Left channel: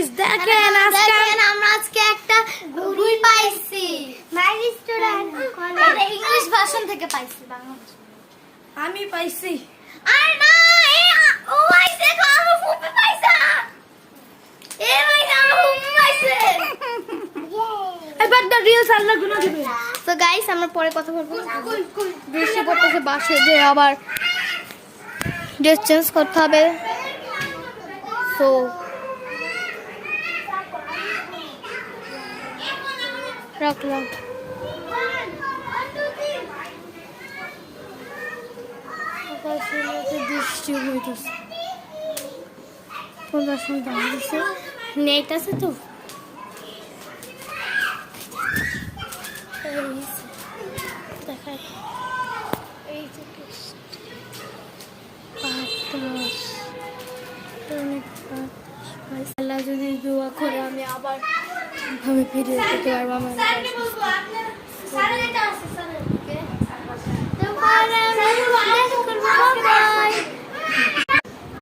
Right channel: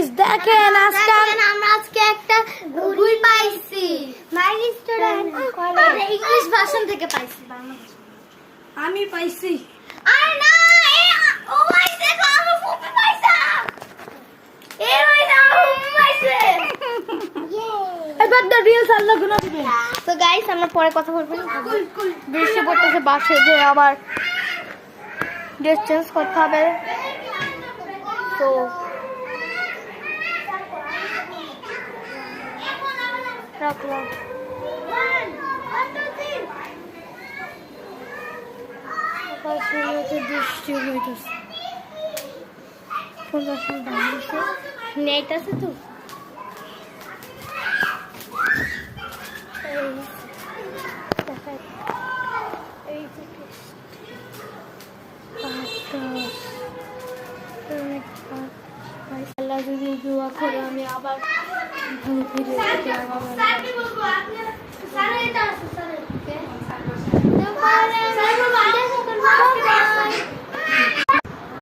Guys দেখেন আজকে আমরা আজকে একটা ঘুড়ি পাইছি মাই রেস্টুরেন্ট এটা ইংলিশ ভার্সন থেকে পাইছি বাংলা আমি পাইছি। আরে না ও পাইছে আমি ফুপি পাইছে এ ভাই আমার ফুপি পাইছে এবার তো রিলস আল্লাহ গুলো দিবেন। তো গাইস আমরা পরে কথা বলবো বৃষ্টি পড়তেছে বাসে যে আবার ড্রেস চেঞ্জ করতে হবে তো রাখলাম বৃষ্টি হইতেছে, 15 মিনিট দাঁড়িয়েছে নেট আছে তো দেখায় এই যে আল্লাহ যদি দোয়া করে আমি আবার ফিরে যেতে পারবো।